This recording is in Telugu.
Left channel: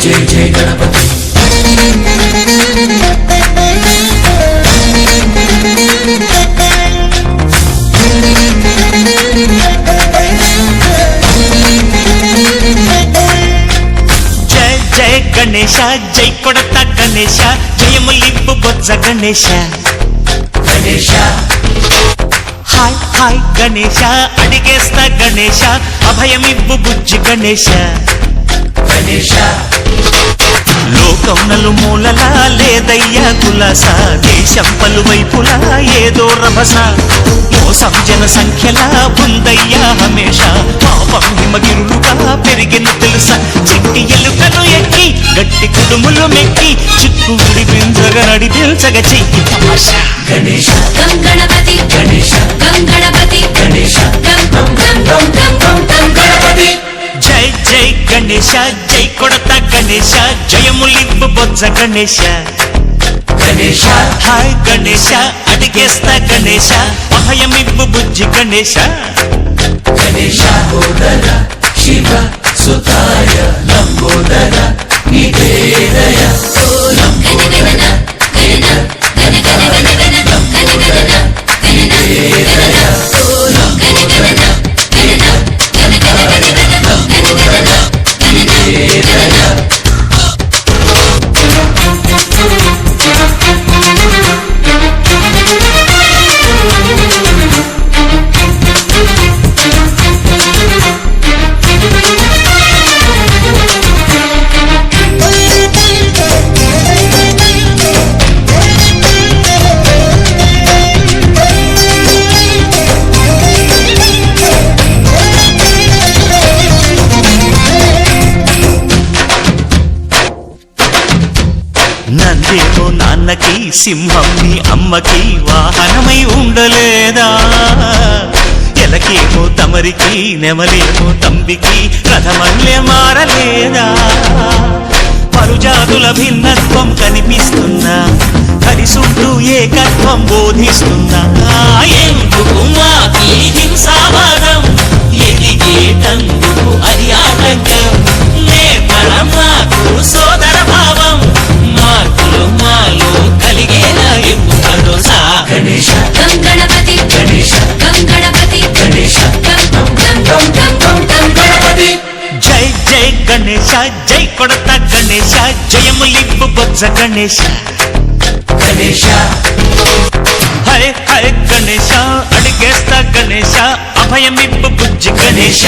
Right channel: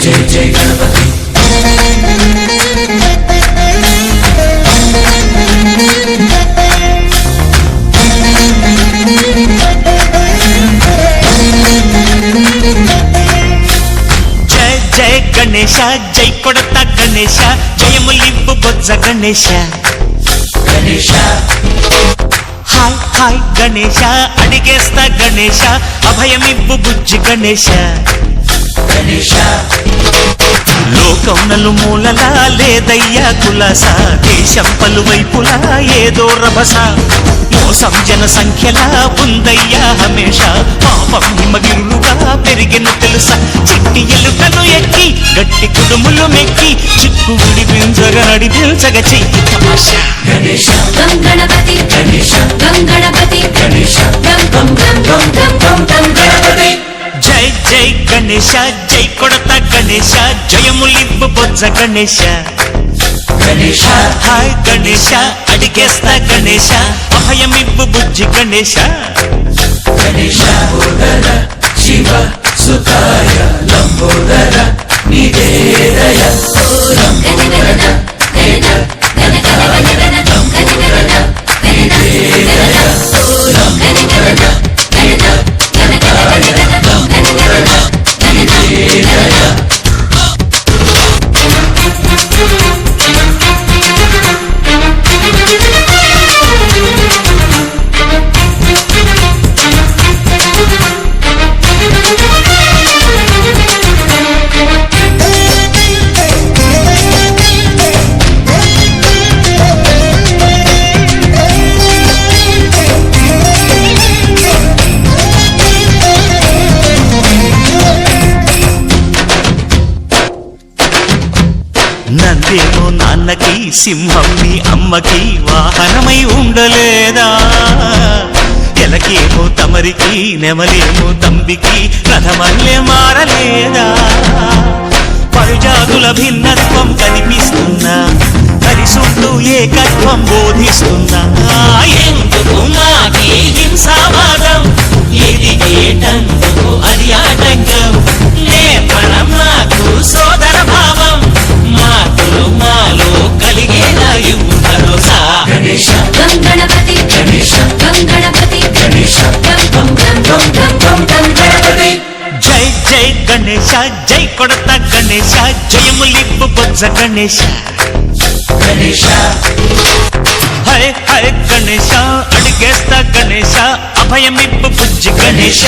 जय जय गणपति जय जय गणेश जय कोडता गणेश जयमुलिब्बु बोज्ज गणेश गणेश हाय हाय गणेश अडिगेस्ता गणेश अभयमिब्बु बुज्जि गणेश गणेश లోకం నలుమూలలా లేదయ్యా కులాస దేశం పలువైపులా ఏదో రభస మోసం జన సంఖ్యలా ఉందయ్యా హమేష పాపం హిమగిరులుగా పెరిగిన తెలుసా చిట్టి ఎలుకను ఎక్కి గట్టి కుడుములు మెక్కి చిక్కు విడిపించగ నడిపించగ చెయ్యి తమాషా गणेश गं गणपति गणेश गणपति गणेश गं गं गं गं गं गं गणपति జై జై గణేశ జై కొడత గణేశ జయములిబ్బు బొజ్జ గణేశ गणेश హాయ్ గణేశ అడిగేస్తా గణేశ అభయమిబ్బు బుజ్జి గణేశ गणेश बोधर शिव सुताय लंबोदर निवेदय गण गणना गणना गण गण गण गण गण गणना गणना गणना गण गणना गणना गण गण गण गण गण गणना गणना गणना నందేమో నాన్నకి సింహం నీ అమ్మకి వాహనమై ఉండలేదా ఎలకేమో తమరికి నెమలేమో తంబికి రథమల్లే మారలేదా పలుజాతుల భిన్నత్వం కనిపిస్తున్నా కలిసుంటూ ఏకత్వం బోధిస్తున్నా ఎందుకు మాకి హింసావాదం ఎదిగేటందుకు అది ఆటంకం నేపరం మాకు సోదర భావం మార్పులు మాలో కలిగేలా భరోసా गणेश गं गणपति गणेश गं गणपति गणेश गं गं गं गं गं गं गणपति జై జై గణేశ జై కొడత గణేశ జయములిబ్బు బొజ్జ గణేశ गणेश హై హై గణేశ అడిగేస్తా గణేశ అభయమిబ్బు బుజ్జి గణేశ